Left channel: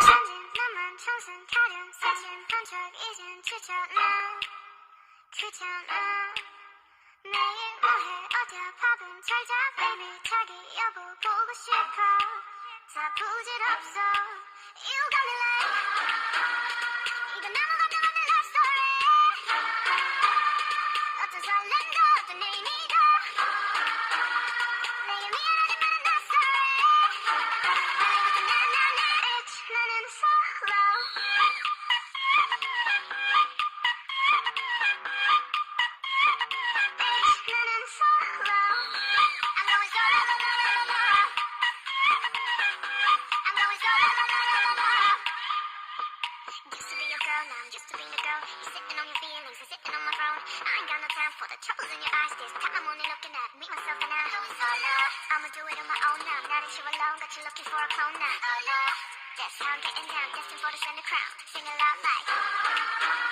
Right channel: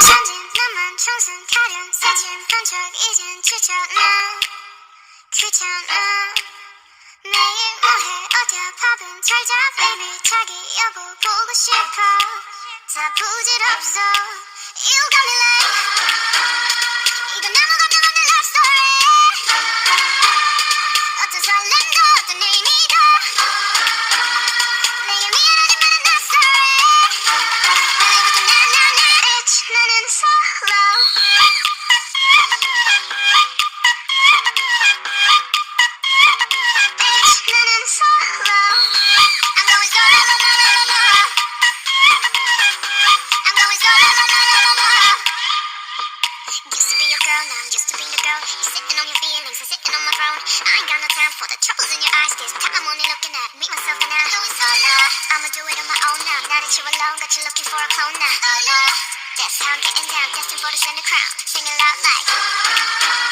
천진 나만 청순 가련 새침 한척 이젠 지쳤나 귀찮아 매일 뭐해 어디야 밥은 잘자 baby 자기 여보 보고 싶어 다 부질없어 You got me like 이건 아무것도 없는 love story 어떤 설렘도 어떤 의미도 내게 미안하지만 not sorry 오늘부터 나나나 It's 나는 solo It's 나는 solo I'm going solo I'm going solo Used to be your girl, now I'm used to being the girl. You're sitting on your feelings, I'm sitting on my throne. I ain't got no time for the troubles in your eyes. This time I'm only looking at me, myself, and I. Going solo. I'ma do it on my own now. Now that you're alone, got you looking for a clone now. Solo. That's how I'm getting down, destined for the center crown. Singing loud like.